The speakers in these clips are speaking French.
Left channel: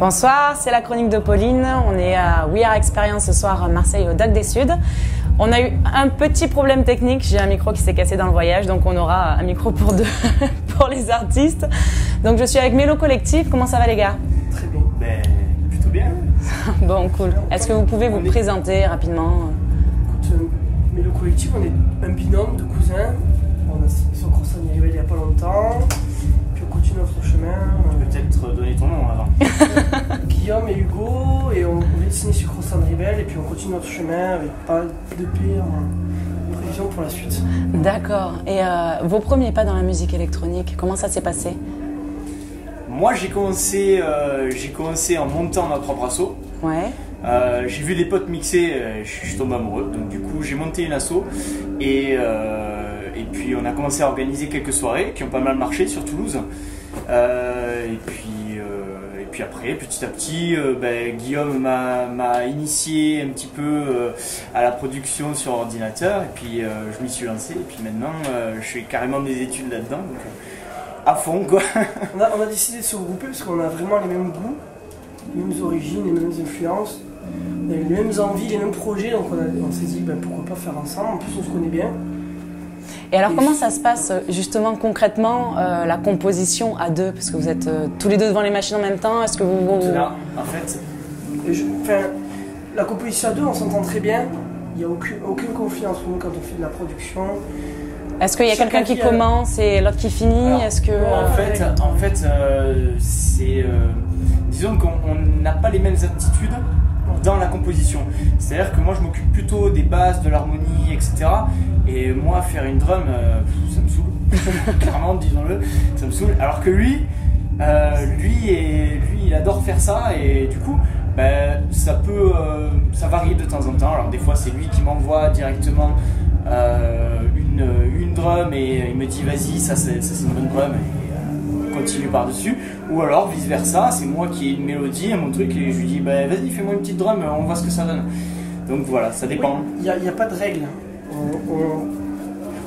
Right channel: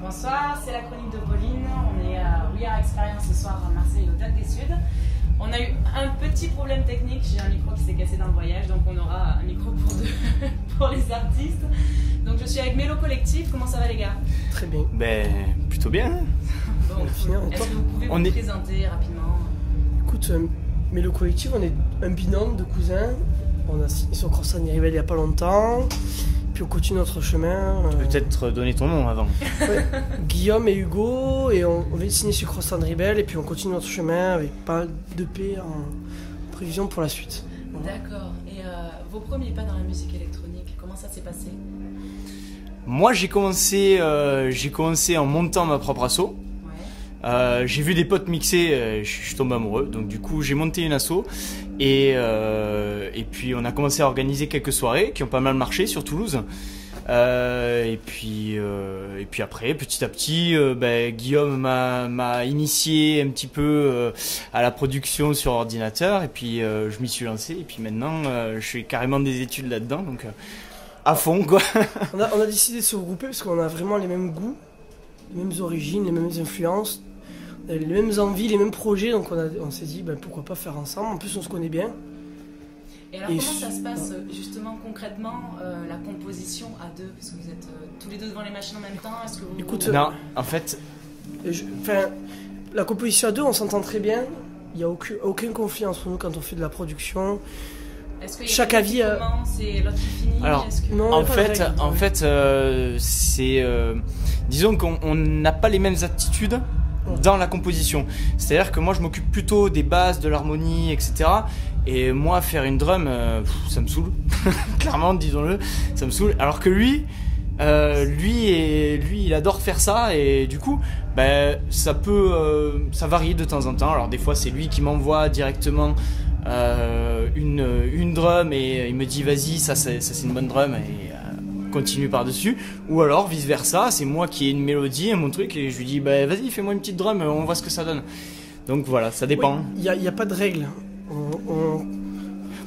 Bonsoir, c'est la chronique de Pauline. On est à We Are Experience ce soir à Marseille au Dock des Suds. On a eu un petit problème technique, j'ai un micro qui s'est cassé dans le voyage, donc on aura un micro pour deux pour les artistes. Donc je suis avec Mélo Collectif, comment ça va les gars? Très bien. Ben, plutôt bien. Bon, cool. Est-ce que vous pouvez vous présenter rapidement? Écoute, Mélo Collectif, on est un binôme de cousins. On a signé sur Cross-Annie Rebelle il n'y a pas longtemps. Puis on continue notre chemin. Peut-être donner ton nom avant. Guillaume et Hugo, et on vient de signer sur Cross-Annie Rebelle, et puis on continue notre chemin avec pas de paix en prévision pour la suite. D'accord. Et vos premiers pas dans la musique électronique, comment ça s'est passé? Moi, j'ai commencé en montant ma propre asso. Ouais. J'ai vu des potes mixer, je suis tombé amoureux, donc du coup j'ai monté une asso et puis on a commencé à organiser quelques soirées qui ont pas mal marché sur Toulouse. Et puis après, petit à petit, Guillaume m'a initié un petit peu à la production sur ordinateur, et puis je m'y suis lancé, et puis maintenant je fais carrément des études là-dedans, donc à fond quoi. On a décidé de se regrouper parce qu'on a vraiment les mêmes goûts, les mêmes origines, les mêmes influences. On a les mêmes envies, les mêmes projets, donc on s'est dit pourquoi pas faire ensemble. En plus, on se connaît bien. Et alors, comment ça se passe justement concrètement la composition à deux? Parce que vous êtes tous les deux devant les machines en même temps. Est-ce que vous. Non, en fait. La composition à deux, on s'entend très bien. Il n'y a aucun conflit entre nous quand on fait de la production. Est-ce qu'il y a quelqu'un qui commence et l'autre qui finit? Alors, en fait, disons qu'on n'a pas les mêmes aptitudes dans la composition. C'est-à-dire que moi je m'occupe plutôt des bases, de l'harmonie, etc. Et moi faire une drum, ça me saoule. Clairement, disons-le, ça me saoule. Alors que lui, il adore faire ça, et du coup, ça varie de temps en temps. Alors des fois c'est lui qui m'envoie directement une drum et il me dit vas-y, ça c'est une bonne drum, et continue par-dessus. Ou alors vice versa, c'est moi qui ai une mélodie, mon truc, et je lui dis vas-y, fais-moi une petite drum, on voit ce que ça donne. Donc voilà, ça dépend. Il n'y a pas de règle.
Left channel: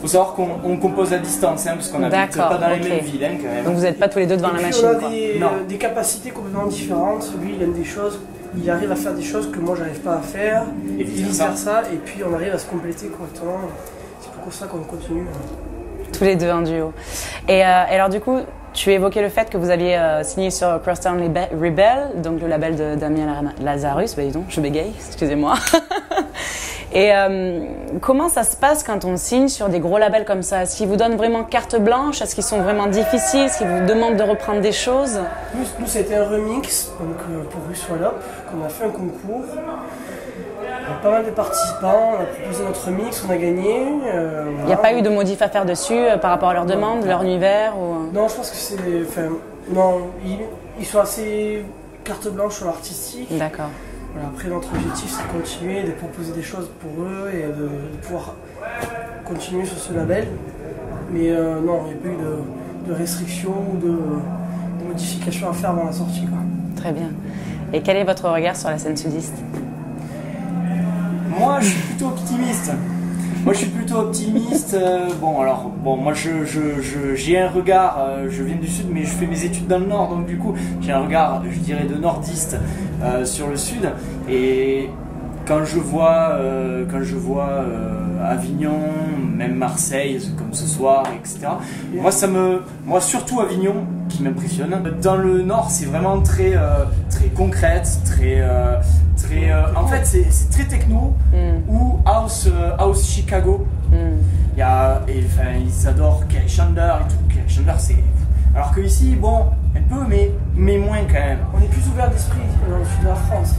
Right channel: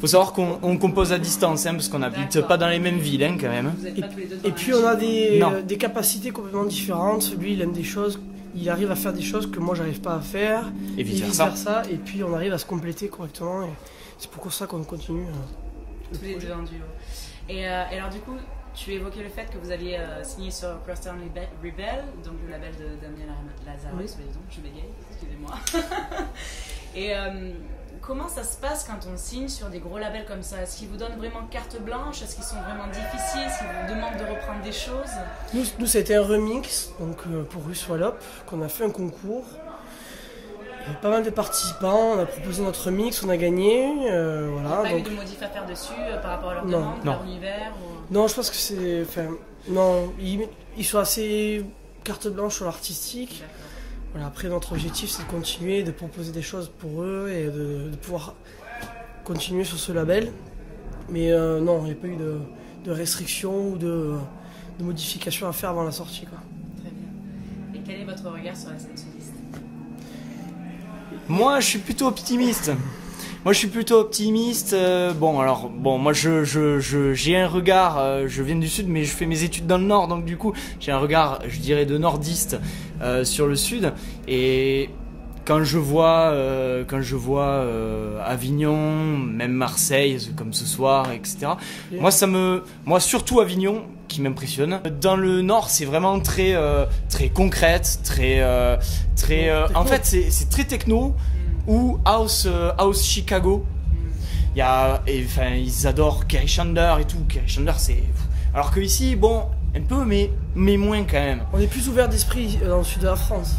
Faut savoir qu'on compose à distance, parce qu'on n'habite pas dans les mêmes villes quand même. Donc vous n'êtes pas tous les deux devant la machine. On a des capacités complètement différentes. Lui, il aime des choses, il arrive à faire des choses que moi j'arrive pas à faire, et vice versa. Et puis on arrive à se compléter correctement. C'est pour ça qu'on continue. Tous les deux en duo. Et alors du coup, tu évoquais le fait que vous aviez signé sur Cross-Annie Rebelle, donc le label de Damien Lazarus. Dis donc, je bégaye, excusez-moi. Et comment ça se passe quand on signe sur des gros labels comme ça? Est-ce qu'ils vous donnent vraiment carte blanche? Est-ce qu'ils sont vraiment difficiles? Est-ce qu'ils vous demandent de reprendre des choses? Nous ça a été un remix donc, pour Ruswallop, qu'on a fait un concours. Il y a pas mal de participants, on a proposé notre remix, on a gagné. Il n'y a pas eu de modif à faire dessus par rapport à leurs demandes, leur univers ou... Non, je pense que c'est... non, ils sont assez carte blanche sur l'artistique. D'accord. Voilà, après, notre objectif, c'est de continuer, de proposer des choses pour eux et de pouvoir continuer sur ce label. Mais non, il n'y a pas eu de restrictions ou de modifications à faire avant la sortie, quoi. Très bien. Et quel est votre regard sur la scène sudiste? Moi, je suis plutôt optimiste. Moi, moi, j'ai un regard. Je viens du sud, mais je fais mes études dans le nord, donc du coup, j'ai un regard, je dirais, de nordiste sur le sud. Et quand je vois Avignon, même Marseille, comme ce soir, etc. Moi, surtout Avignon, qui m'impressionne. Dans le nord, c'est vraiment très concrète, en fait, c'est très techno ou house Chicago. Ils adorent Kerry Chandler et tout. Kerry Chandler, c'est... Alors que ici, bon, un peu, mais moins quand même. On est plus ouvert d'esprit dans le sud de la France.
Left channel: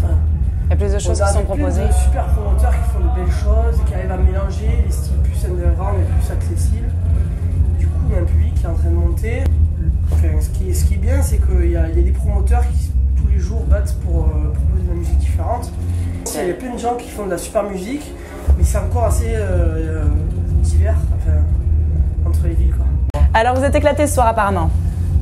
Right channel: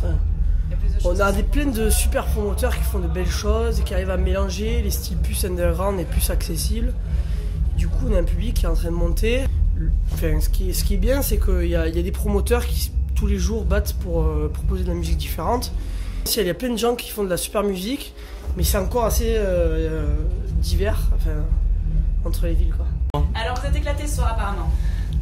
Il y a plus de choses qui sont proposées. Plein de super promoteurs qui font de belles choses, qui arrivent à mélanger les styles plus underground et plus accessibles. Du coup, on a un public qui est en train de monter. Enfin, ce qui est bien, c'est qu'il y a des promoteurs qui tous les jours battent pour proposer de la musique différente. Il y a plein de gens qui font de la super musique, mais c'est encore assez divers entre les villes, quoi. Alors vous êtes éclatés ce soir apparemment?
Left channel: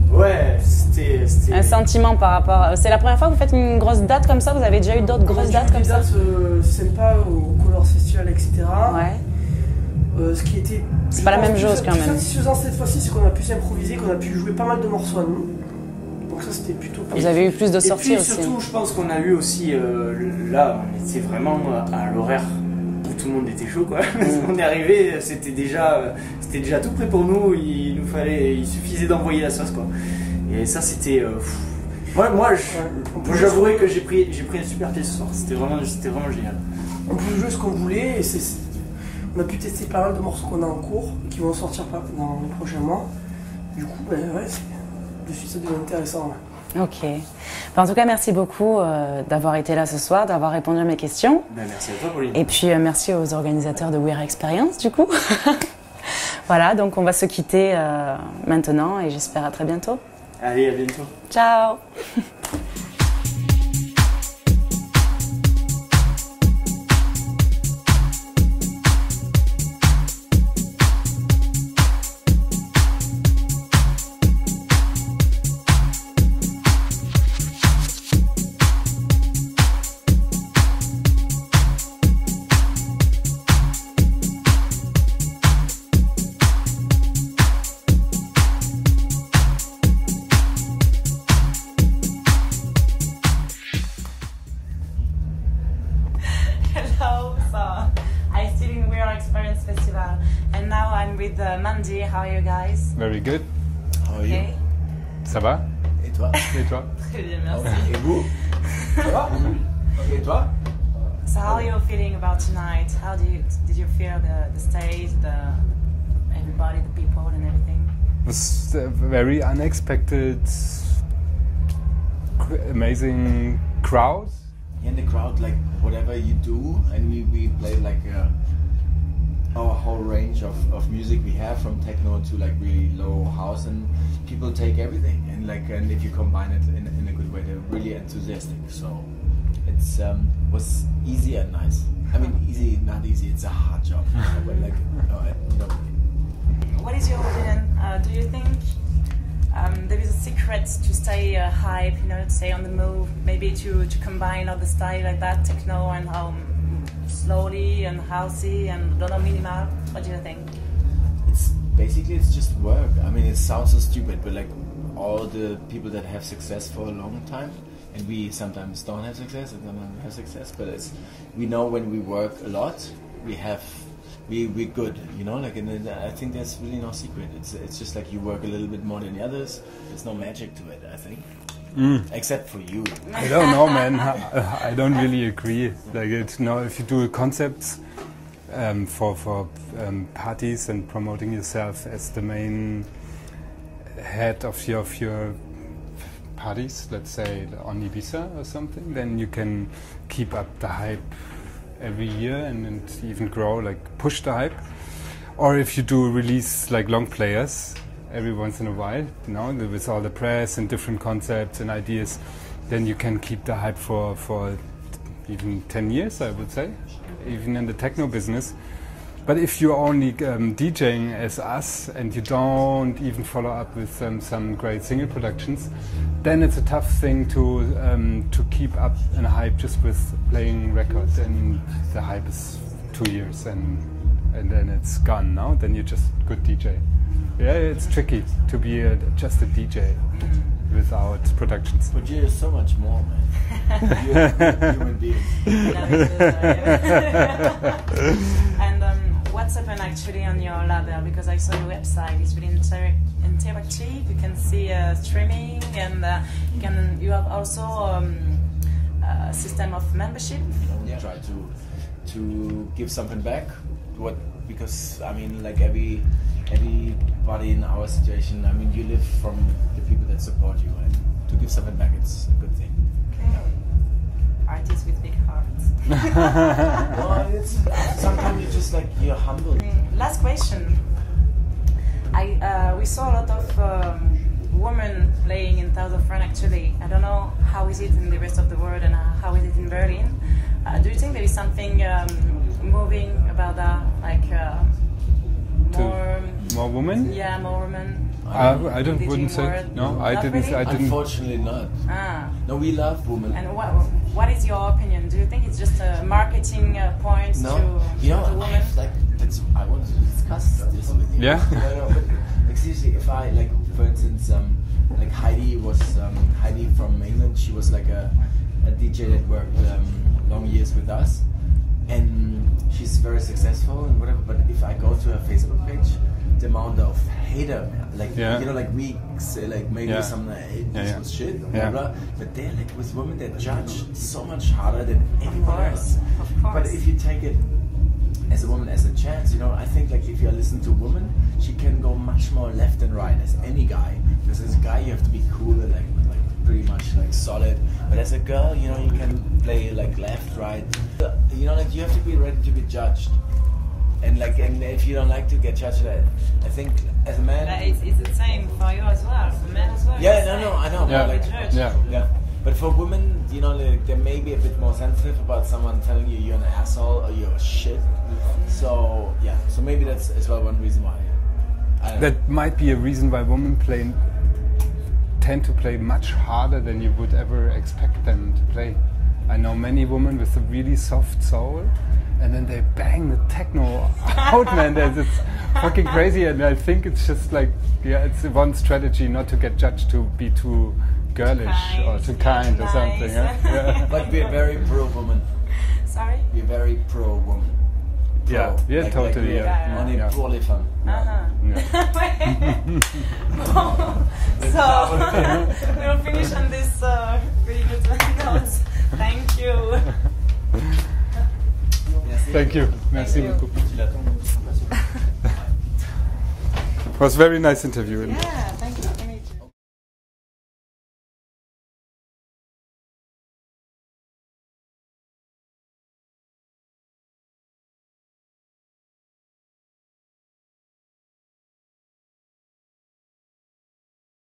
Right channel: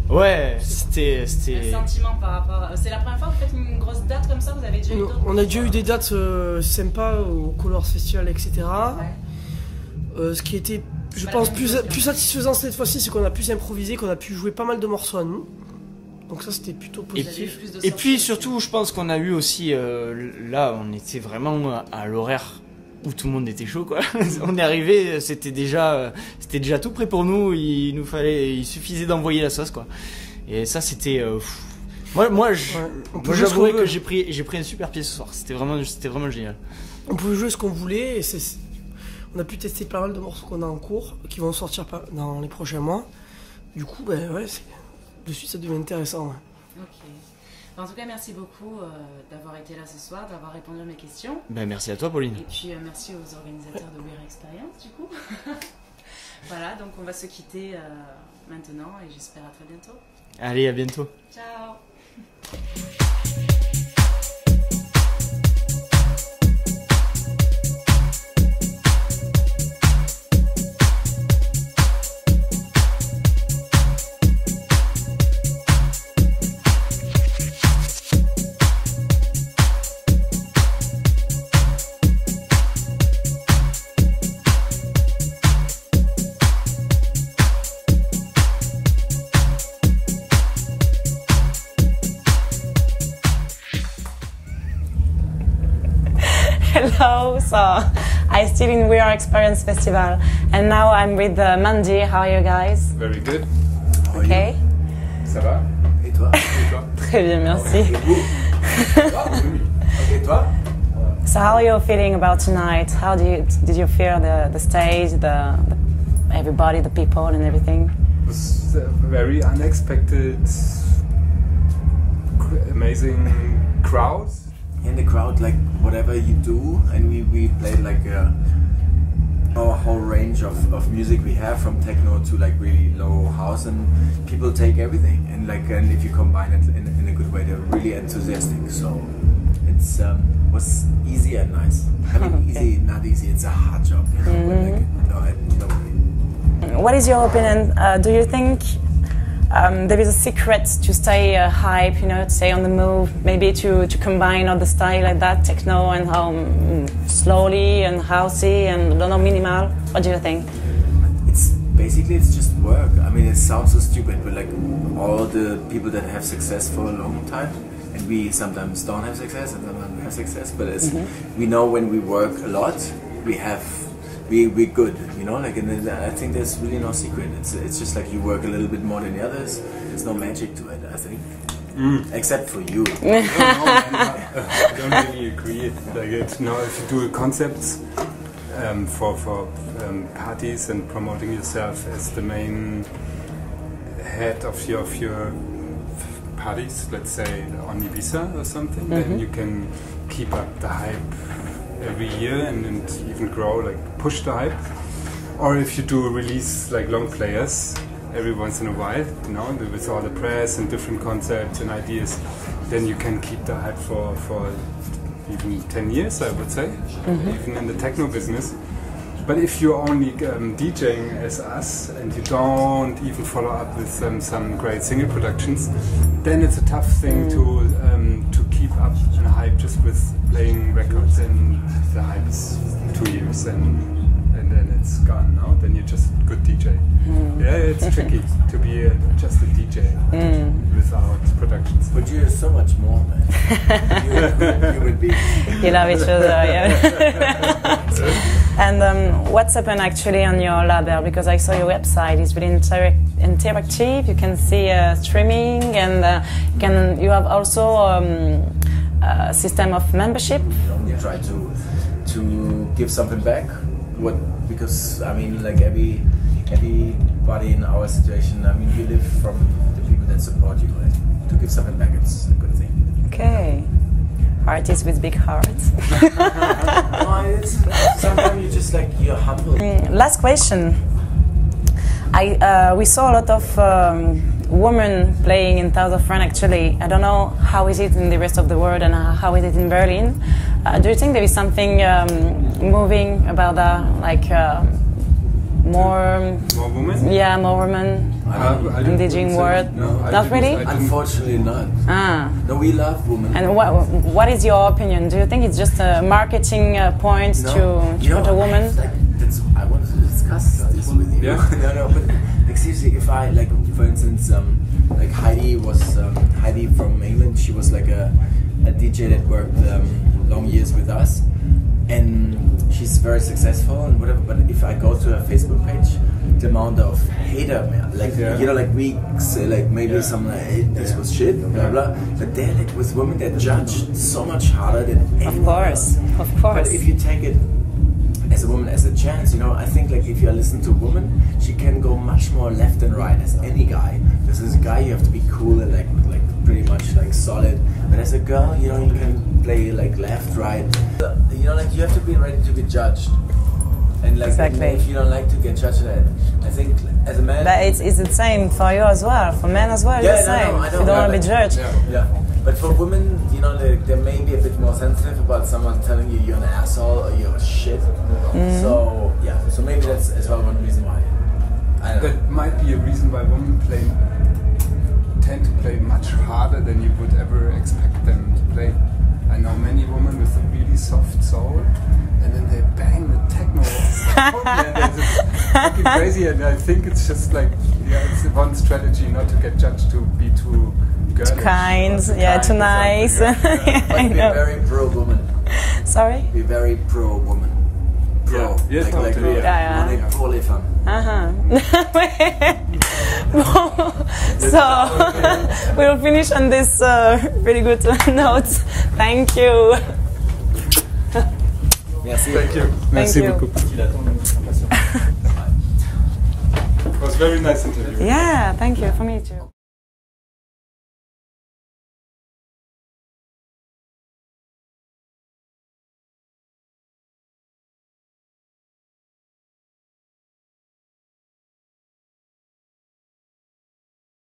Ouais, c'était... Un sentiment par rapport... C'est la première fois que vous faites une grosse date comme ça? Vous avez déjà eu d'autres grosses dates? On a déjà eu des dates sympas au Colors Festival, etc. Ouais. Ce qui était plus satisfaisant cette fois-ci, c'est qu'on a pu s'improviser, qu'on a pu jouer pas mal de morceaux à nous. Donc ça c'était plutôt Vous positif. avez eu plus de Et sorties puis aussi. surtout, je pense qu'on a eu aussi, là, on était vraiment à l'horaire où tout le monde était chaud, quoi. On est arrivé, c'était déjà tout prêt pour nous. Il suffisait d'envoyer la sauce, quoi. Et ça, c'était. Moi, j'avouerais que j'ai pris une super pièce ce soir. C'était vraiment génial. On pouvait jouer ce qu'on voulait et on a pu tester pas mal de morceaux qu'on a en cours qui vont sortir dans les prochains mois. Du coup, ben ouais, de suite ça devient intéressant. Ouais. Ok. En tout cas, merci beaucoup d'avoir été là ce soir, d'avoir répondu à mes questions. Ben, merci à toi, Pauline. Et puis merci aux organisateurs de We Are Experience, du coup. Voilà, donc on va se quitter maintenant et j'espère à très bientôt. Allez, à bientôt. Ciao. Hello, so I'm still in We Are Experience Festival and now I'm with Mandy. How are you guys? Very good. Okay. Ça va? Et toi? Très bien, merci. Et vous? Ça va? Oui. Ok, et toi? So how are you feeling about tonight? How did you feel the stage, the everybody, the people and everything? It was a very unexpected, amazing crowd. In the crowd, like whatever you do, and we played like our whole range of music we have, from techno to like really low house, and people take everything, and if you combine it in a good way, they're really enthusiastic. So it's was easy and nice. I mean, easy, not easy. It's a hard job. But like, no. What is your opinion? Do you think there is a secret to stay hype, to stay on the move, maybe to combine all the style like that, techno and slowly and housey and minimal? What do you think? It's just work. I mean, it sounds so stupid, but like all the people that have success for a long time, and we sometimes don't have success and sometimes we have success, but we know when we work a lot, we're good, and I think there's really no secret. It's just like you work a little bit more than the others. There's no magic to it, I think. Except for you. I don't know, man. I don't really agree. Like if you do a concept for parties and promoting yourself as the main head of your parties, let's say on Ibiza or something, then you can keep up the hype every year and even grow, like push the hype. Or if you do release like long players every once in a while, with all the press and different concepts and ideas, then you can keep the hype for even 10 years, I would say, even in the techno business. But if you're only DJing as us and you don't even follow up with some great single productions, then it's a tough thing to keep up in a hype just with playing records, and the hype is 2 years and then it's gone now. Then you're just a good DJ. Yeah, it's tricky to be just a DJ without productions. But you're so much more, man. You're a good human being. You love each other, yeah. And what's happened actually on your label? Because I saw your website. It's really interactive. You can see streaming, and you have also a system of membership. We try to give something back. Because I mean, like everybody in our situation, I mean, you live from the people that support you, and to give something back, it's a good thing. Okay. Artists with big hearts. Sometimes you're humble. Last question. We saw a lot of women playing in South of France. Actually, I don't know how is it in the rest of the world and how is it in Berlin. Do you think there is something moving about that, like more women? Yeah, more women. In the DJing world? No, not really? Unfortunately not. No, we love women. And what is your opinion? Do you think it's just a marketing point to put a woman? I wanted to discuss this with you. Yeah. No, but seriously, if I, for instance, like Heidi was Heidi from England. She was like a DJ that worked long years with us, and she's very successful and whatever. But if I go to her Facebook page, the amount of hater, like you know, like we say, like maybe some this was shit, blah blah. But they're like with women that judge so much harder than anyone else. Of course. But if you take it as a woman as a chance, you know, I think like if you listen to a woman, she can go much more left and right as any guy. As a guy, you have to be cool and like pretty much like solid. But as a girl, you know, you can play like left, right. You know, like you have to be ready to be judged. And like if you don't like to get judged, I think as a man. But it's the same for you as well. For men as well, yeah, it's the same. I know. You don't want to be judged. Yeah. But for women, you know, they may be a bit more sensitive about someone telling you you're an asshole or you're shit. So yeah, so maybe that's as well one reason why. I don't know. That might be a reason why women tend to play much harder than you would ever expect them to play. I know many women with a really soft soul, and then they bang with techno out, man. It's fucking crazy, and I think it's just like, it's one strategy not to get judged to be too girlish. Too kind, too nice. But we're very pro-woman. Sorry? We're very pro-woman. Pro. Yeah, like yeah. on est pour les femmes. So, we'll finish on this really good note. Thank you. Merci. Thank you. Merci beaucoup. It was a very nice interview. Yeah, thank you. For me too.